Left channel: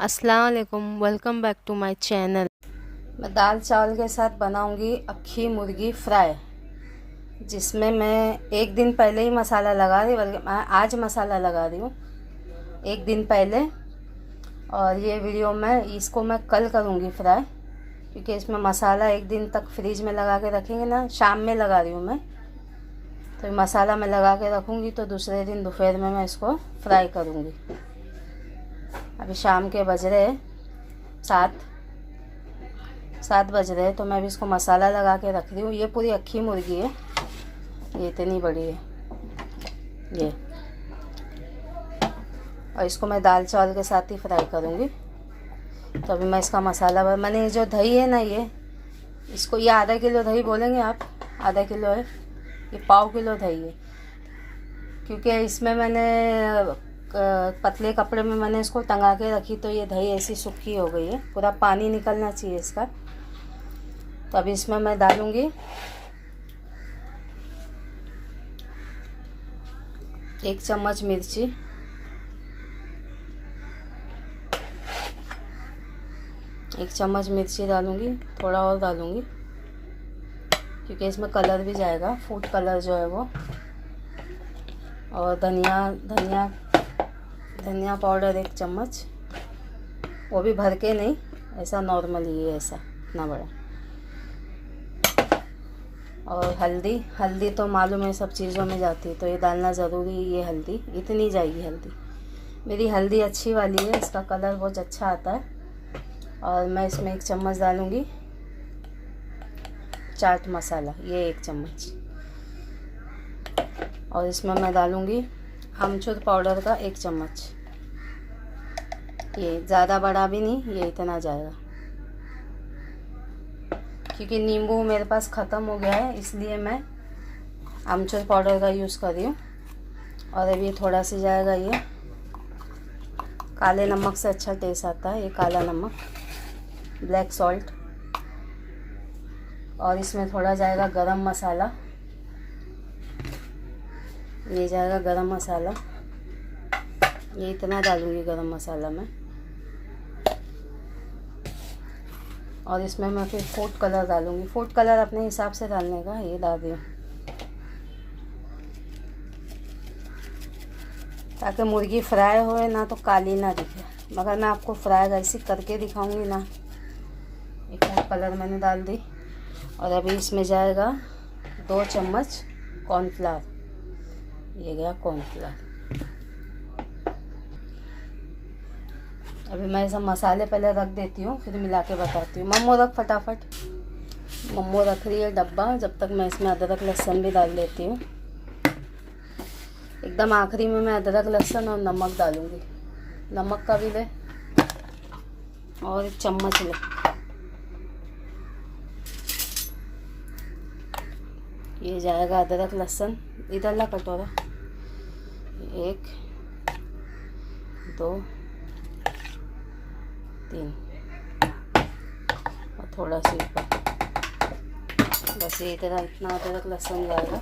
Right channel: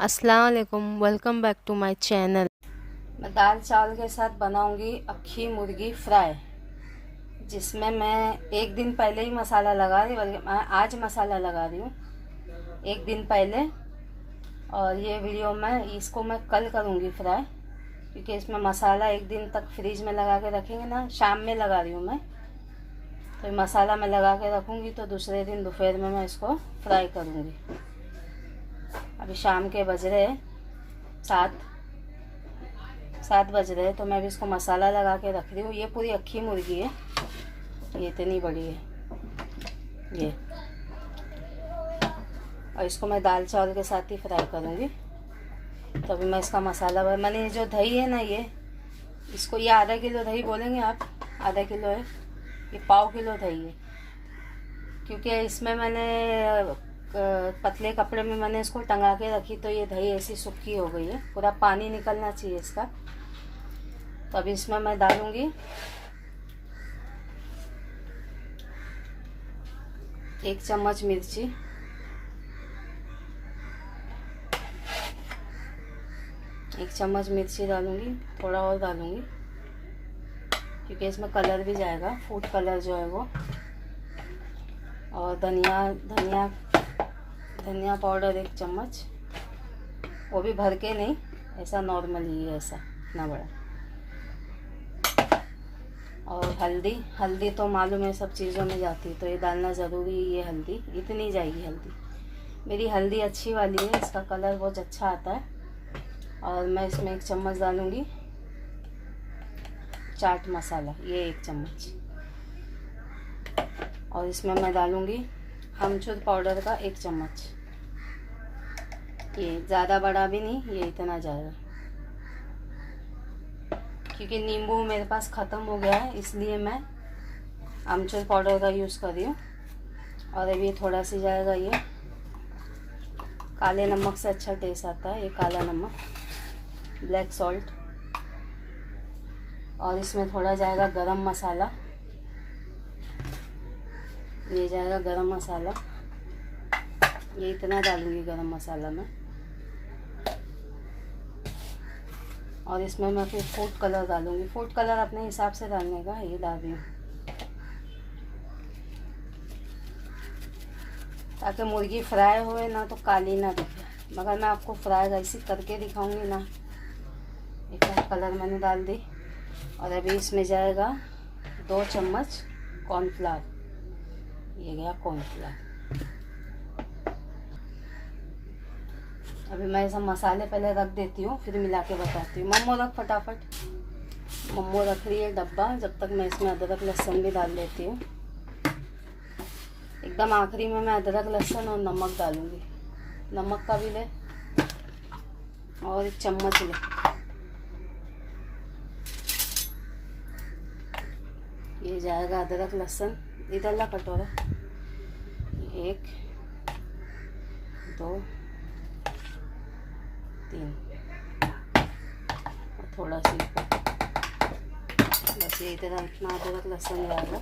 अस्सलाम वालेकुम, welcome back to my channel. मैं दाल चावल के साथ बनाऊंगी अक्खी मुर्गी फ्राई, जिसमें मैं एक दिन पहले ही मसाला लगा रही, बल्कि मैं आज मसाला लगा रही हूँ एक दिन पहले। और ये वीडियो मैं कल करूँगी फ्राई, क्योंकि इसमें मसाला एक दिन तक फ्रिज में लगा के रखेंगे ना। शाम में लगा रही हूँ मैं, तो मसाला मैं लगा के रखूँगी तो दूसरे दिन दोपहर में मैं इसको फ्राई करूँगी। अभी शाम के बज रहे 7 बज रहे, तो मैं भी इसको मसाला लगा के रख रही हूँ। ये पूरी अक्खी मुर्गी है, ये इतनी बड़ी है ये। और इसको मैं दाल चावल के साथ ही फ्राई करूँगी। तो अभी मैं इसका मसाला, मैंने जो दही है ना, इसको ये आधा किलो दही बोलेंगे आप, आधा किलो है, ये पाव किलो दही है। क्योंकि इसमें मैंने पतले कपड़े में मैंने इसको टंगा के रखी, तो ये दही ऐसी सूखी हो गई है, पूरा पानी निकलना चाहिए इसका। तो अभी इसमें मैं डालूँगी 1 चम्मच मिर्ची, 1 चम्मच मिर्ची डालूँगी, थोड़ा और डालूँगी क्योंकि इसमें कलर भी जाएगा, फूड कलर जो है वो। और धनिया पाउडर 1 चम्मच, वो भी भर के नहीं, ऐसा नॉर्मल ही है, ऐसा इतना बड़ा। और हल्दी तो मालूम है सब चीज़ों में जाती है, तो ये डालना ज़रूरी है। ये हल्दी इतनी जाएगी, हल्दी मेरी हल्दी अच्छी वाली है, इसका कलर बहुत अच्छा आता है। और मैं इसमें 1 चम्मच डालूँगी चाट मसाला, ये 1 चम्मच। और इसमें मैं डालूँगी अमचूर पाउडर का 1 चम्मच। ये ज़्यादा बड़ा भी नहीं, ये इतना जाएगा, क्योंकि नींबू मेरे पास ख़त्म हो गया है, इसलिए मैं अमचूर पाउडर का यूज़ कर रही हूँ। और अभी थोड़ा सी जाएगा ये काले नमक से अच्छा टेस्ट आता है, ये काला नमक, ब्लैक सॉल्ट। और इसमें थोड़ा जाएगा गरम मसाला, ये जाएगा गरम मसाला, ये इतना डालूँगी गरम मसाला में। और इसमें मैं फिर फूड कलर डालूँगी, फूड कलर अपने हिसाब से डालने का, ये डाल रही हूँ ताकि मुर्गी फ्राई होए ना तो काली ना दिखे। मगर मैं आपको फ्राई ऐसी करके दिखाऊंगी ना। एक कलर मैंने डाल दी। और अभी इसमें जाएगा 2 चम्मच कॉर्नफ्लावर, ये गया कॉर्नफ्लावर। अभी मैं सब मसाले पहले रख देती हूँ, फिर मिला के बताती हूँ। मम्मो रख फटाफट, मम्मो रख रही है डब्बा, जब तक मैं इसमें अदरक लहसुन भी डाल देती हूँ। एकदम आखिरी में मैं अदरक लहसुन और नमक डालूँगी। नमक का भी ले, और 1 चम्मच ले। ये जाएगा अदरक लहसुन, इधर ला कटोरा, 1 2 3 और थोड़ा सी बस, ये इतना इतना अदरक लहसुन जाएगा।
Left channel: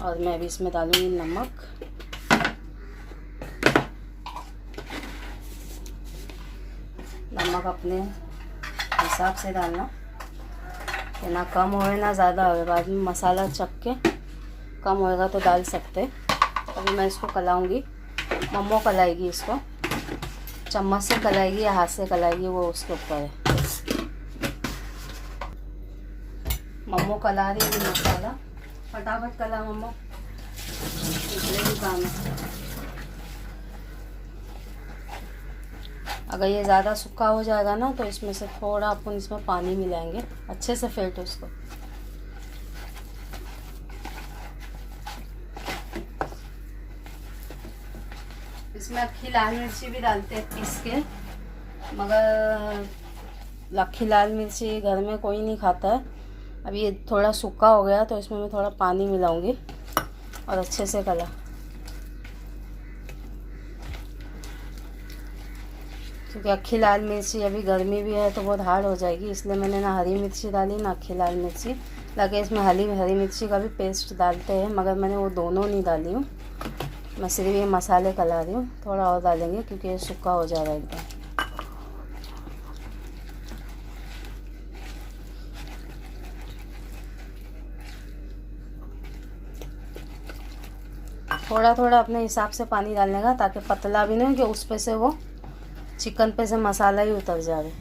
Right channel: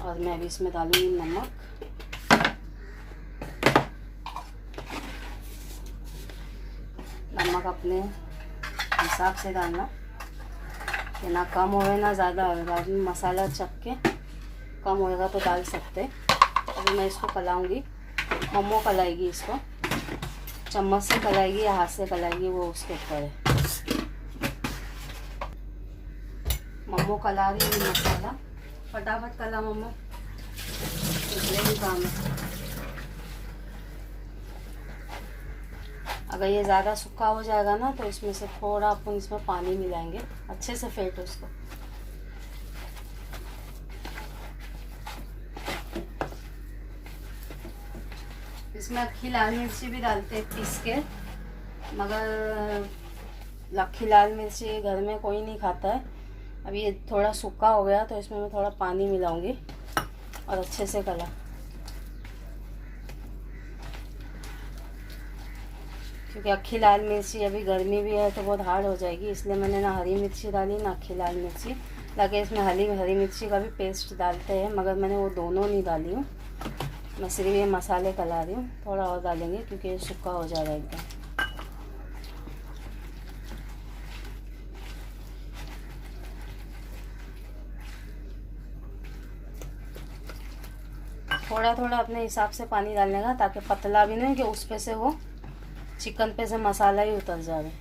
और मैं अभी इसमें डालूँगी नमक, नमक अपने हिसाब से डालना, कि ना कम होए ना ज़्यादा होए। बाद में मसाला चख के कम होएगा तो डाल सकते। अभी मैं इसको कलाऊँगी, मम्मो कलाएगी इसको, चम्मच से कलाएगी या हाथ से कलाएगी, वो उसके ऊपर है। मम्मो कला रही है मसाला, फटाफट कला मम्मो, इतने भी काम है। अगर ये ज़्यादा सूखा हो जाएगा ना, तो इसमें से थोड़ा अपन इसमें पानी मिलाएंगे, अच्छे से फेंटो इसको। इसमें अक्खी लाल मिर्ची भी डालते हैं पीस के, मगर अक्खी लाल मिर्ची घर में कोई नहीं खाता है। अभी ये थोड़ा सूखा हो गया, तो इसमें मैं थोड़ा पानी मिलाऊंगी और अच्छे से कला। क्योंकि अक्खी लाल मिर्ची, अभी गर्मी भी है तो बहुत हार्ड हो जाएगी, इसलिए मैंने ना हरी मिर्ची डाली ना अक्खी लाल मिर्ची। लगे इसमें हरी मिर्ची का भी पेस्ट डालते हैं, मगर मैंने वो दोनों नहीं डाली हूँ। मैं सिर्फ ये मसाले कला रही हूँ, थोड़ा और डालेंगे क्योंकि ये सूखा हो जाएगा एकदम। थोड़ा थोड़ा अपने हिसाब से पानी डालने का, ताकि पतला भी नहीं कि उस पे से वो चिकन पे से मसाला ही उतर जाए।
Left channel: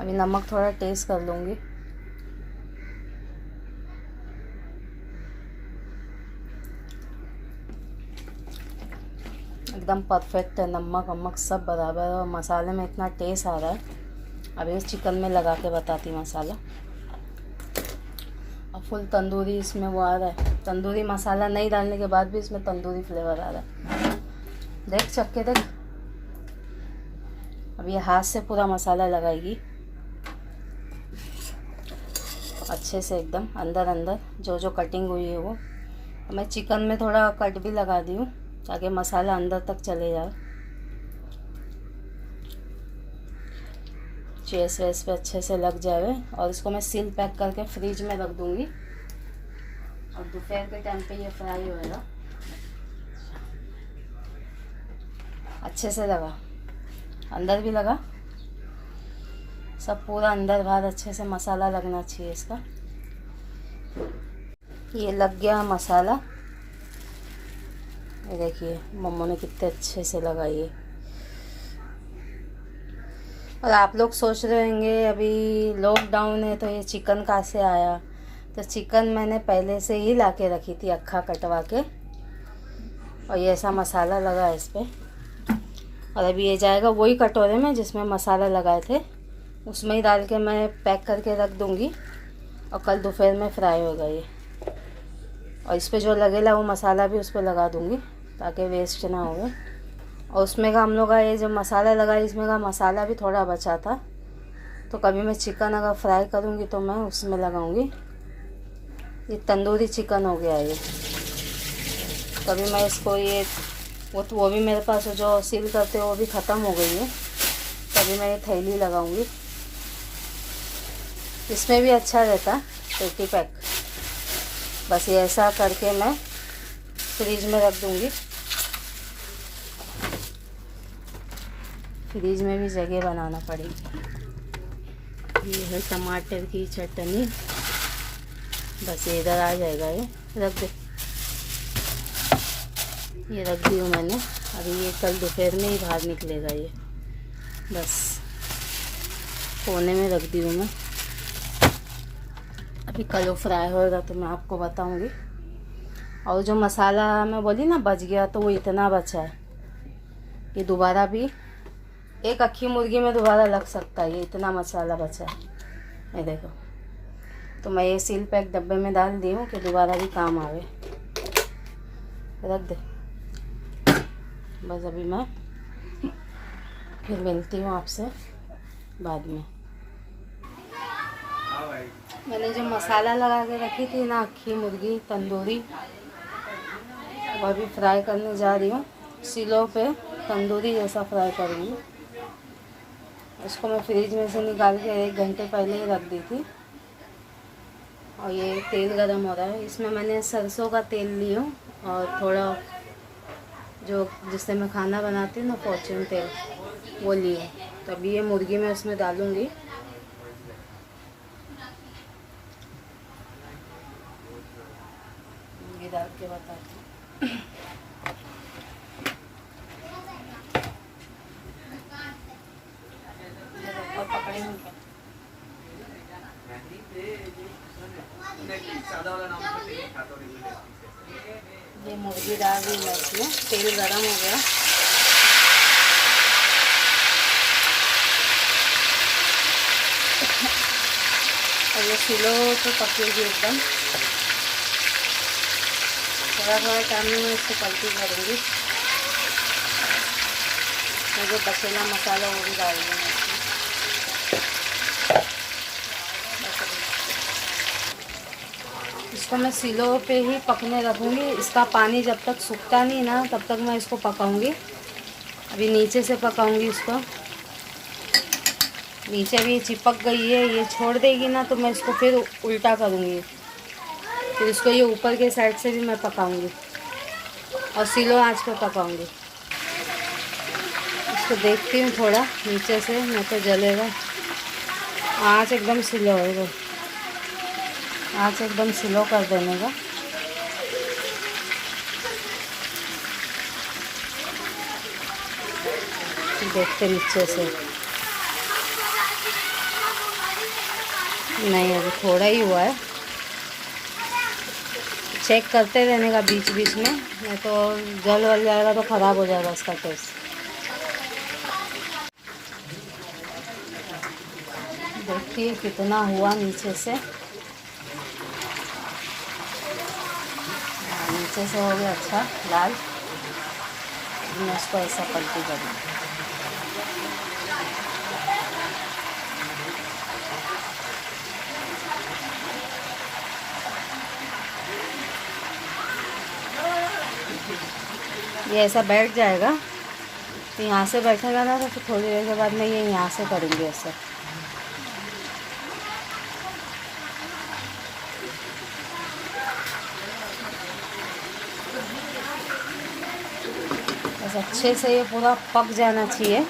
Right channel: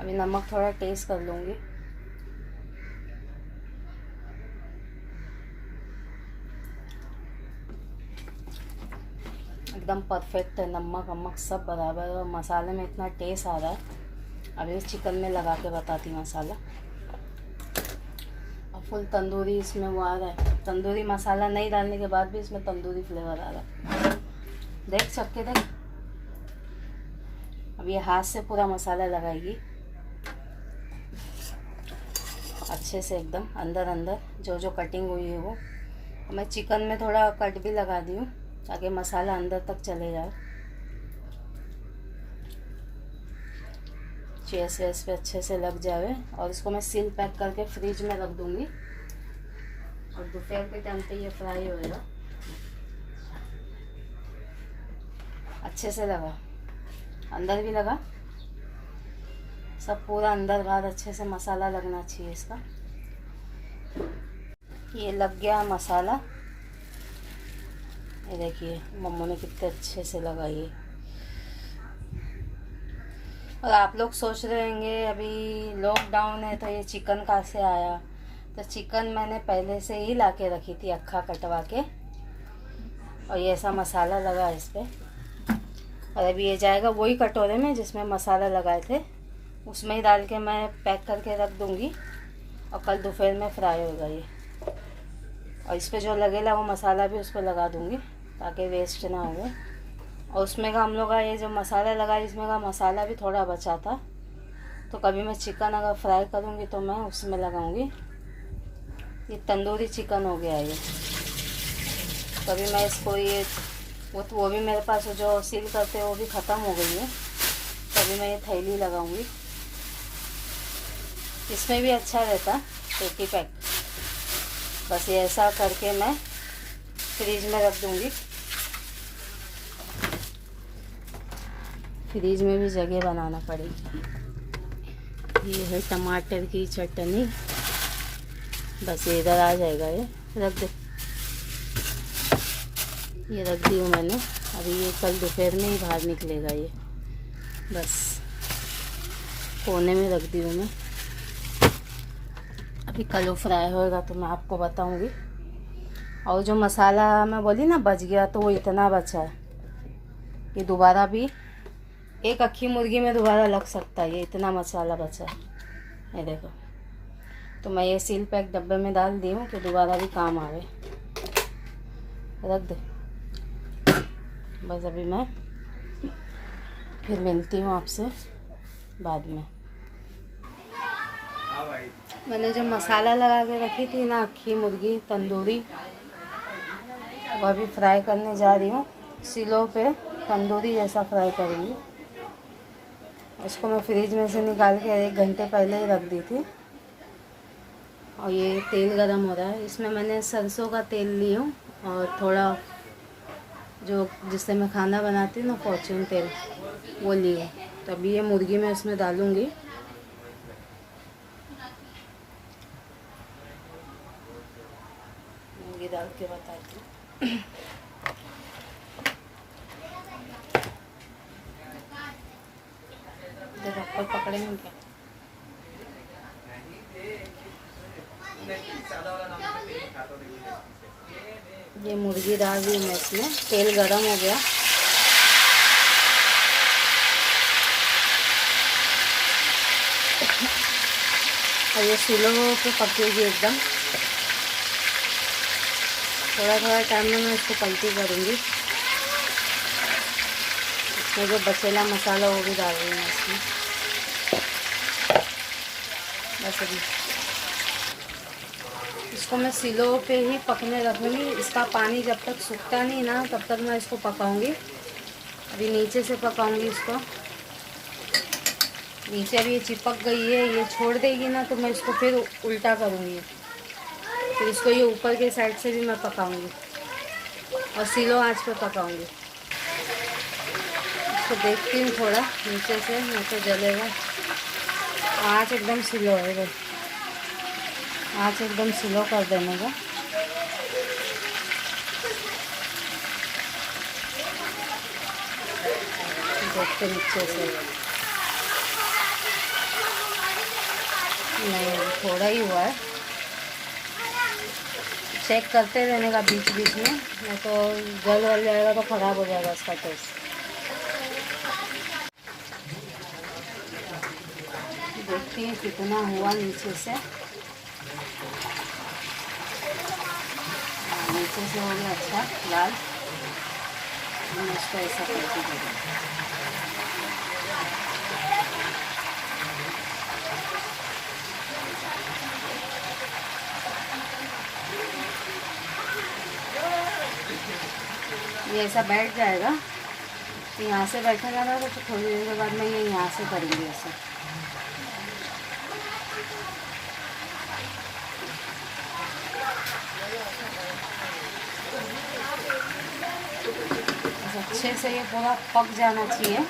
अभी नमक थोड़ा टेस्ट कर लूँगी। एकदम परफेक्ट है, नमक वमक सब बराबर है और मसाले में इतना टेस्ट आ रहा है। अभी इस चिकन में लगा के बताती मसाला। और फुल तंदूरी इसमें वो आ रहा है, तंदूरी मसाला नहीं डालने के बाद भी इसमें तंदूरी फ्लेवर आ रहा है। देख चख के देख। अब ये हाथ से पूरा मसाला लगाएगी अच्छे से, एकदम अंदर अंदर जो जो कटिंग हुई है वो। मैं चिकन में थोड़ा कट भी लगा दी हूँ ताकि मसाला अंदर तक चले जाए, चेस वेस पे अच्छे से लग जाए। और इसको मैं सील पैक करके फ्रिज में रख दूँगी और दोपहर के टाइम पे ये फ्राई होएगा। अच्छे से लगा, अंदर भी लगा, सब पूरा अंदर बाहर अच्छे से मसाला लगना चाहिए इसका। ये लग गया मसाला, ये देखिए मम्मा ने कितने अच्छे से लगाई है। और आप लोग सोच रहे होंगे अभी लॉकडाउन है तो ये चिकन कहाँ से आया। तो चिकन मैंने पहले से ही ला के रखी थी अक्खा कटवा के, और ये ऐसा मसाला लगा इस पर। और अभी ये जाएगा वही कटोरे में जिसमें मसाला लगाए थे, उसमें ही डाल के मैं पैक करके रख दूँगी और कल दोपहर में फ्राई होगा ये। और इस पर जो लगेगा वो मसाला भी उस पर लगा दूँगी ताकि वेस्ट ना हो। और उसमें का हम लोग का ये जो मसाला लगा इसमें का मसाला भी थोड़ा बचा था, तो कभी मैं चिकन अगर फ्राई करूँगी तो मैं उसमें लगाऊँगी। ये तंदूरी चिकन हो गया ये। कभी मैं इसको ये वो भी मेरे पास जो सील करते वो भी ख़त्म हो गई है, तभी मैं ये थैली लगाऊंगी। इसमें भी अच्छा रहता एक ही पैक। बस ये ऐसा करके मैं फ्रिज में रख दूंगी। फ्रिज में भी जगह बनाना पड़ेगी। ये है टमाटर की चटनी, बस ये इधर आ जाएगा, ये रख दे। ये रख दी हूँ मैंने, अभी ये कल दोपहर में ही बाहर निकलेगा ये। बस कोने में रख दी हूँ मैं, अभी कल वो फ्राई होएगा तो मैं आपको बताऊँगी। और जो मसाला मैं बोली ना बच गया, तो वो इतना बचा है कि दोबारा भी एक अक्खी मुर्गी में दोबारा लग सकता है, ये इतना मसाला बचा है। ये देखो, तो मैं ये सील पैक डब्बे में डाल दी हूँ कि दोबारा भी काम आवे। रख दे बस। अभी मैं फिर मिलती हूँ आपसे बाद में। मैंने जो मसाला लगा के रखी थी ना अक्खी मुर्गी तंदूरी, वो अभी फ्राई करने जा रही हूँ। सिलो पे तंदूरी जैसा फ्राई करूँगी। इसको मैं फ्रिज में से निकाल के 1 घंटे पहले ही रख दी थी। और ये तेल गरम हो रहा है, इसमें मैंने सरसों का तेल ली हूँ और थोड़ा जो जिससे मैं खाना बनाती हूँ ना फॉर्चून तेल, वो लिए। तो अभी ये मुर्गी मैं इसमें डालूँगी। मुर्गी डाल के बताती हूँ। ये मुर्गी डाल दी मैं इसमें, तेल गरम हो गया। और ये सिलो की पकेगी एकदम। थोड़ा थोड़ा टाइम में मैं इसको पलटी करूँगी। तो जो बचेला मसाला वो भी डाल रही हूँ इसमें। इसको मैं सिलो पे ही पकने रखूँगी। इसका पानी जब तक सूखता नहीं ना तब तक मैं इसको पकाऊँगी। अभी नीचे से पकाऊँगी इसको। नीचे भी ये चिपक गई है, ये छोड़ देगी ना तो मैं इसको फिर उल्टा करूँगी। फिर इसको ये ऊपर के साइड से भी मैं पकाऊंगी और स्लो आंच पे पकाऊंगी। इसको देखती हूँ थोड़ा नीचे से, नहीं तो जलेगा। आंच एकदम स्लो है, आंच एकदम स्लो कर देने का। देखते नीचे से, नहीं अभी थोड़ा ही हुआ है। चेक करते रहने का बीच बीच में, नहीं तो जल वल जाएगा तो ख़राब हो जाएगा उसका टेस्ट। देखिए कितना हुआ नीचे से, नीचे से हो गया अच्छा लाल। मैं इसको ऐसा करके करूँगी। ये ऐसा बैठ जाएगा, तो यहाँ से बैठेगा ना तो थोड़ी देर के बाद में ये यहाँ से करेंगे ऐसा। बस अच्छे से ये पूरा पक जाना चाहिए।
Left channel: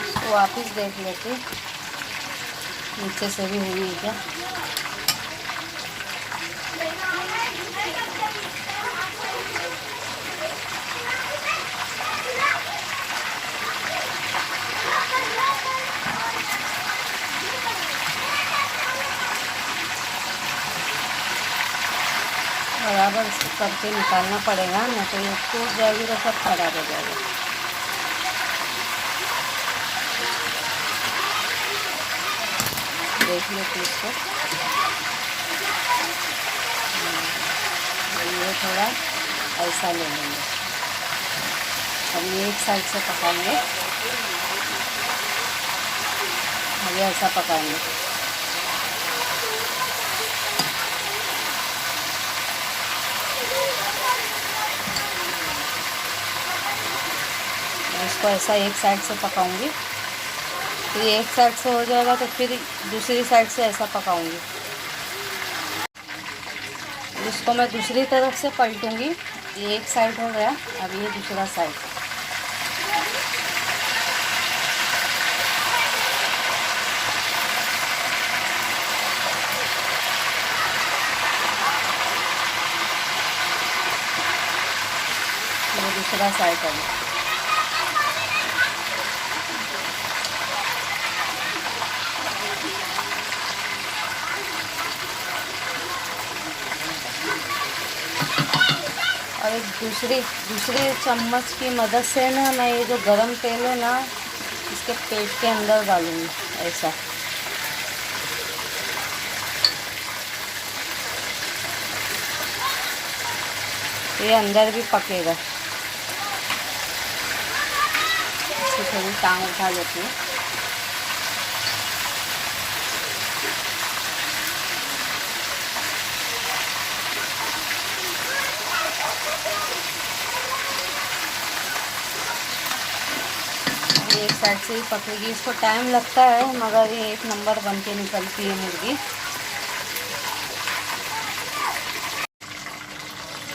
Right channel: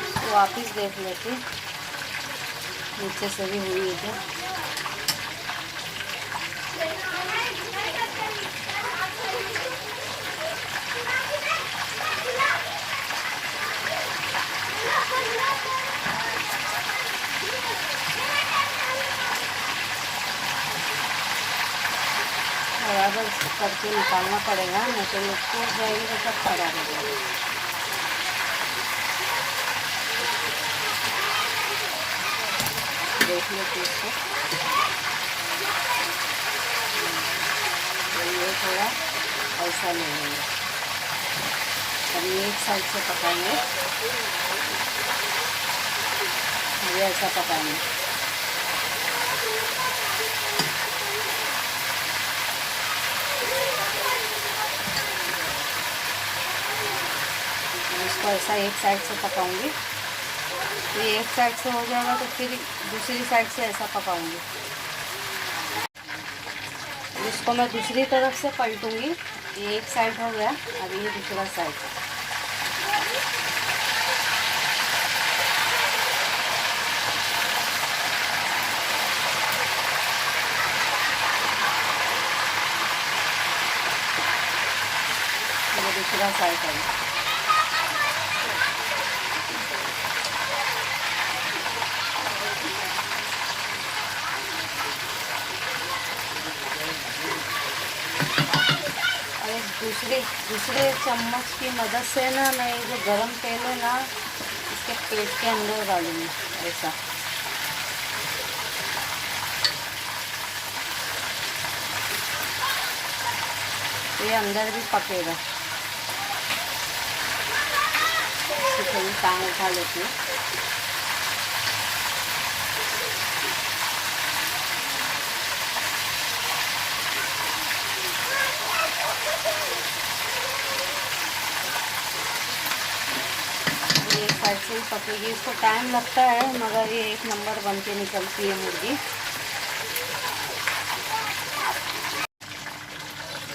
इसको वापस देख लेते नीचे से भी हुई है क्या। बराबर करके निकालना पड़ेगा, नहीं तो ये टूट जाएगी तो सब खराब हो जाएगा। देख लेते इसको, ये थोड़ा ऐसा लेंगे। अब ये एक साइड से पकाएंगे, ये ऐसा पकाएंगे। इसको ऐसा एक साइड से पकाऊंगी, तो ये एक साइड से हो जाएगा तो फिर दूसरी साइड से ऐसा पकाऊंगी। इसको मैं दूसरी तरफ से पलटूंगी। ये एक साइड हो गया, अब ये दूसरा साइड। ये दूसरा साइड है। और एक दूसरे चम्मच की मदद से ना मैं ये जो गरम तेल है ना इसके पेट के अंदर डालूंगी ऐसा। ये अंदर भी पकेगा। इसकी थोड़ी टांग उठा लेती हूँ। एक साइड से ही पकेगी, इसको टाइम लगता है मगर ये एक नंबर बन के निकलती है मुर्गी।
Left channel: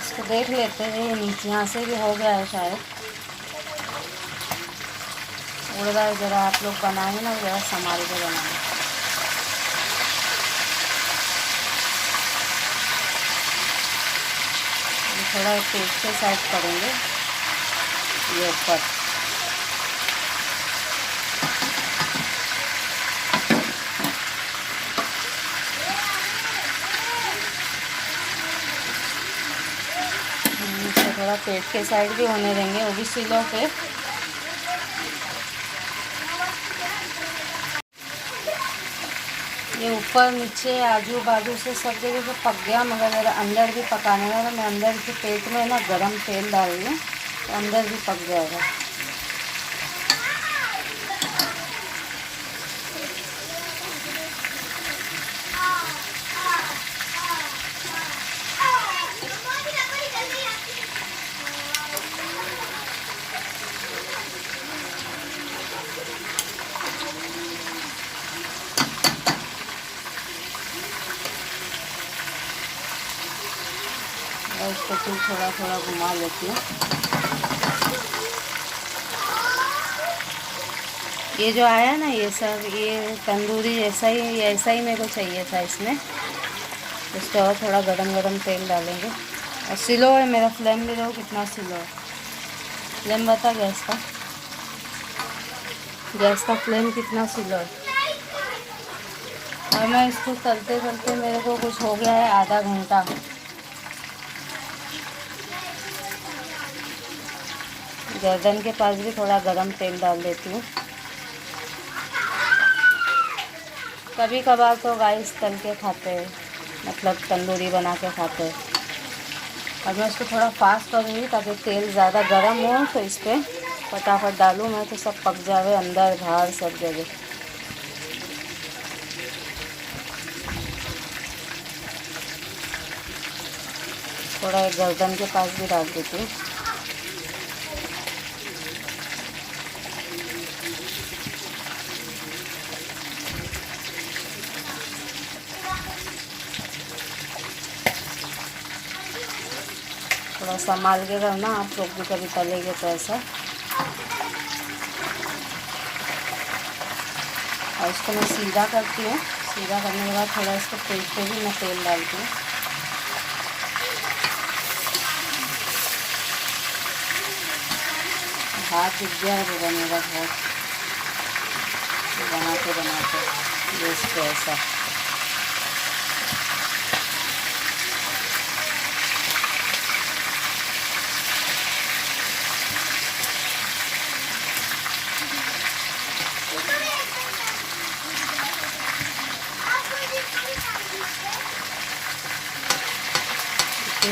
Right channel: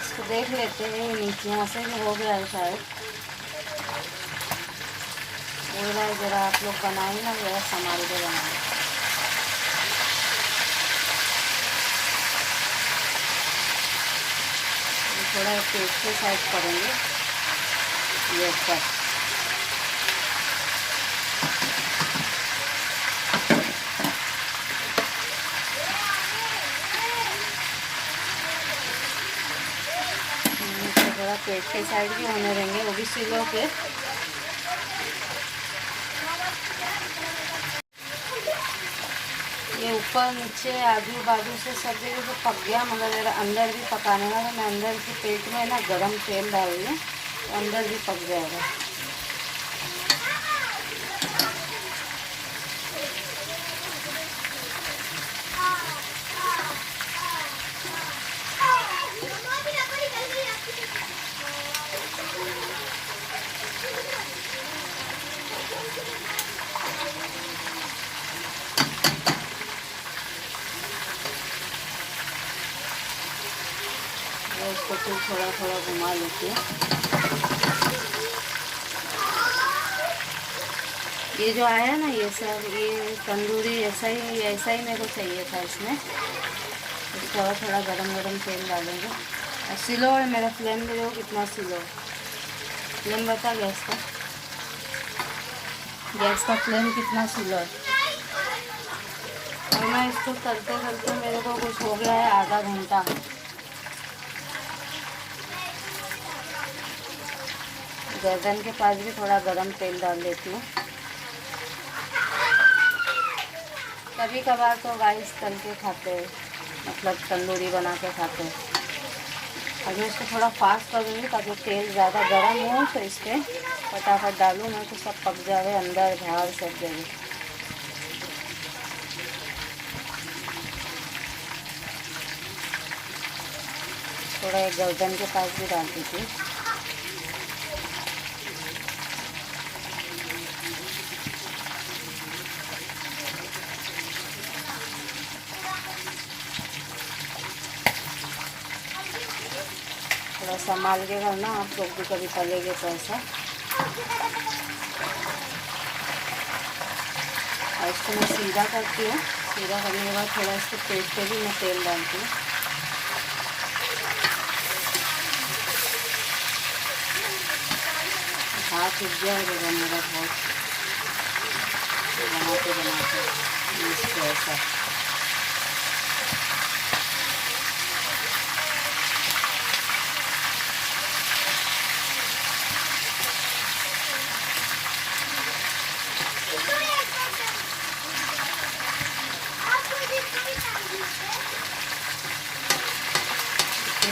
इसको देख लेते हैं, नीचे यहाँ से भी हो गया है शायद। एक बार ज़रा आप लोग बनाए ना, ज़रा संभाल के बनाए। थोड़ा पेट से साइड करेंगे ये ऊपर। थोड़ा पेट के साइड भी होने देंगे, वो भी स्लो पे। ये ऊपर नीचे आजू बाजू से सब जगह तो पक गया, मगर ज़रा अंदर भी पकाने का। तो मैं अंदर के पेट में ना गरम तेल डाल दूँ तो अंदर भी पक जाएगा। और इसको फिर थोड़ा थोड़ा घुमा लेती हूँ। ये जो आया ना ये सब, ये तंदूरी ऐसा ही मेरे को चाहिए था इसमें। इसको और थोड़ा गरम गरम तेल डालेंगे। और स्लो है मेरा फ्लेम, भी देखो कितना स्लो है। फ्लेम बता गैस का फ्लेम कितना स्लो है। और मैं इसको तलते तलते मेरे को कुछ हो गया है आधा घंटा। गर्दन के पास भी थोड़ा गरम तेल डाल देती हूँ। कभी कभार तो गाइस तल के खाते हैं, मतलब तंदूरी बना के खाते हैं। और मैं इसको थोड़ा फास्ट करूँगी ताकि तेल ज़्यादा गर्म हो तो इस पर फटाफट डालूँ मैं, तो सब पक जावे अंदर बाहर सब जगह। थोड़ा एक गर्दन के पास भी डाल देती हूँ। थोड़ा संभाल के करना, आप लोग भी कभी तलेंगे तो ऐसा। और इसको मैं सीधा करती हूँ। सीधा करने के बाद थोड़ा इसको पेट पे भी मैं तेल डालती हूँ। हाथ उठ गया है मेरा हाथ बनाते ये इसको ऐसा।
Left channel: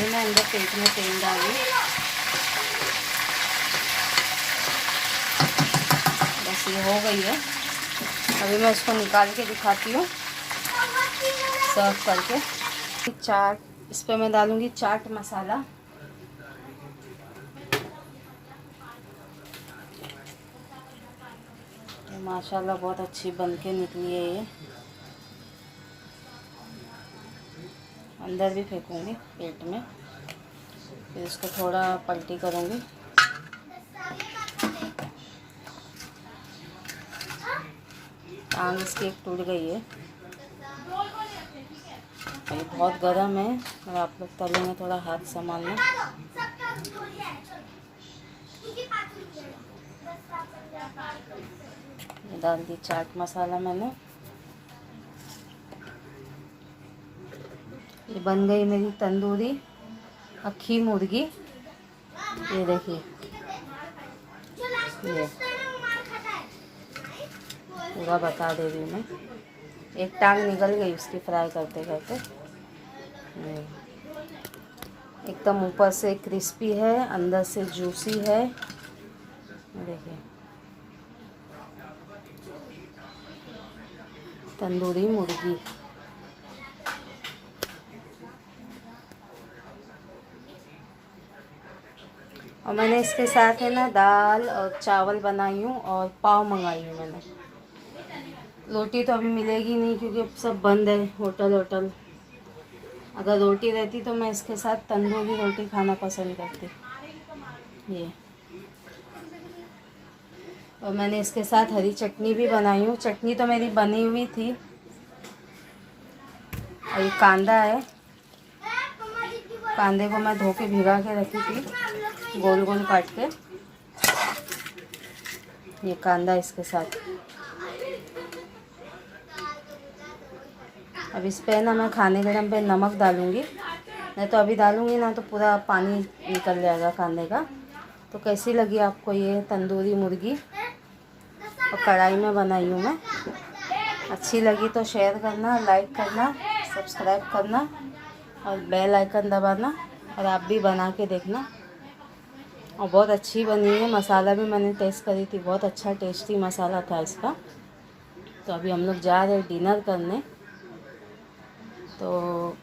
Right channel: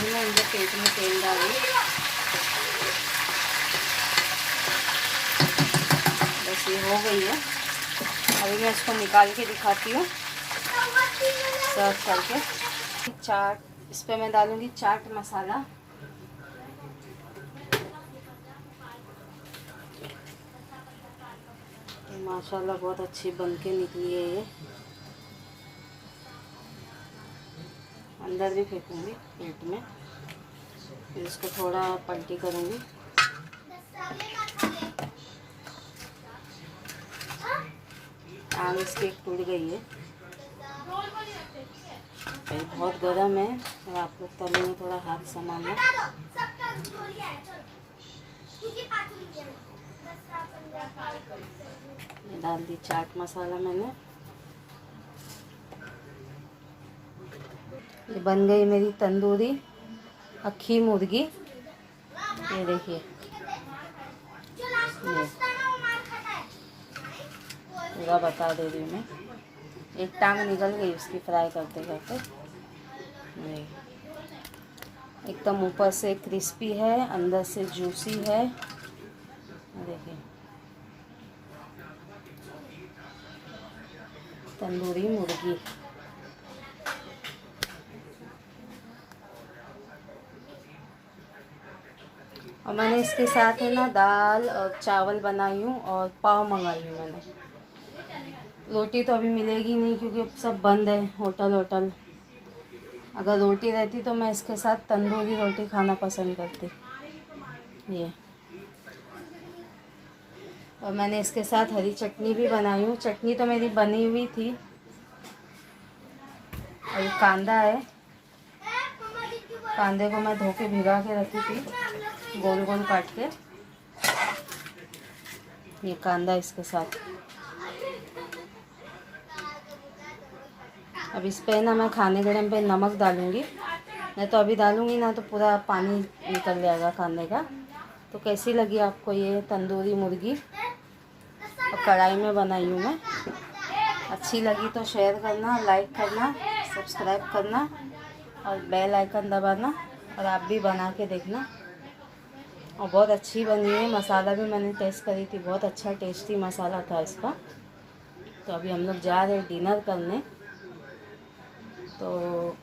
मैं अंदर पेट में तेल डाली, बस ये हो गई है। अभी मैं इसको निकाल के दिखाती हूँ सर्व करके। चाट, इस पर मैं डालूँगी चाट मसाला। ये माशाल्लाह बहुत अच्छी बन के निकली है ये। अंदर भी फेंकूँगी प्लेट में, फिर इसको थोड़ा पलटी करूँगी। टांग इसकी एक टूट गई है। ये बहुत गर्म है और आप लोग तले में थोड़ा हाथ संभालना। ये डाल दी चाट मसाला मैंने। ये बन गई मेरी तंदूरी अक्खी मुर्गी। ये देखिए, ये पूरा बता दे रही हूँ मैं। एक टांग निकल गई उसकी फ्राई करते करते। एकदम ऊपर से क्रिस्पी है, अंदर से जूसी है। देखिए तंदूरी मुर्गी। और मैंने इसके साथ है ना दाल और चावल बनाई हूँ और पाव मंगाई हूँ मैंने। रोटी तो अभी मिलेगी नहीं क्योंकि अब सब बंद है होटल। अगर रोटी रहती तो मैं इसके साथ तंदूरी रोटी खाना पसंद करती। ये और मैंने इसके साथ हरी चटनी भी बनाई हूँ। चटनी तो मेरी बनी हुई थी। और ये कांदा है, कांदे को मैं धो के भिगा के रखी थी गोल गोल काट के। ये कांदा इसके साथ। अब इस पे ना मैं खाने गरम पे नमक डालूँगी, नहीं तो अभी डालूँगी ना तो पूरा पानी निकल जाएगा कांदे का। तो कैसी लगी आपको ये तंदूरी मुर्गी? और कढ़ाई में बनाई हूँ मैं। अच्छी लगी तो शेयर करना, लाइक करना, सब्सक्राइब करना और बेल आइकन दबाना। और आप भी बना के देखना। और बहुत अच्छी बनी है। मसाला भी मैंने टेस्ट करी थी, बहुत अच्छा टेस्टी मसाला था इसका। तो अभी हम लोग जा रहे हैं डिनर करने। तो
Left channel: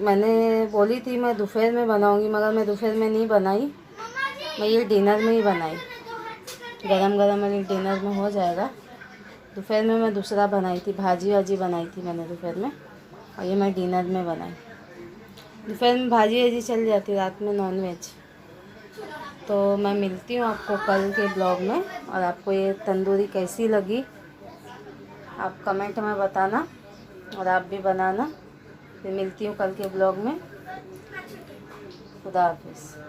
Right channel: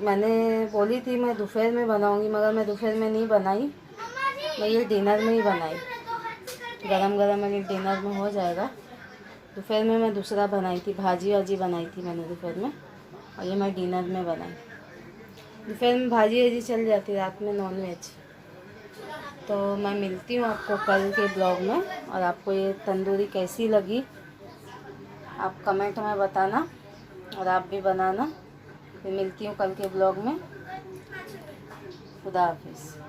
मैंने बोली थी मैं दोपहर में बनाऊंगी, मगर मैं दोपहर में नहीं बनाई, मैं ये डिनर में ही बनाई। गरम गरम मेरे डिनर में हो जाएगा। दोपहर में मैं दूसरा बनाई थी, भाजी वाजी बनाई थी मैंने दोपहर में, और ये मैं डिनर में बनाई। दोपहर में भाजी वाजी चल जाती, रात में नॉन वेज। तो मैं मिलती हूँ आपको कल के ब्लॉग में, और आपको ये तंदूरी कैसी लगी आप कमेंट में बताना, और आप भी बनाना। फिर मिलती हूँ कल के ब्लॉग में। खुदा हाफिज़।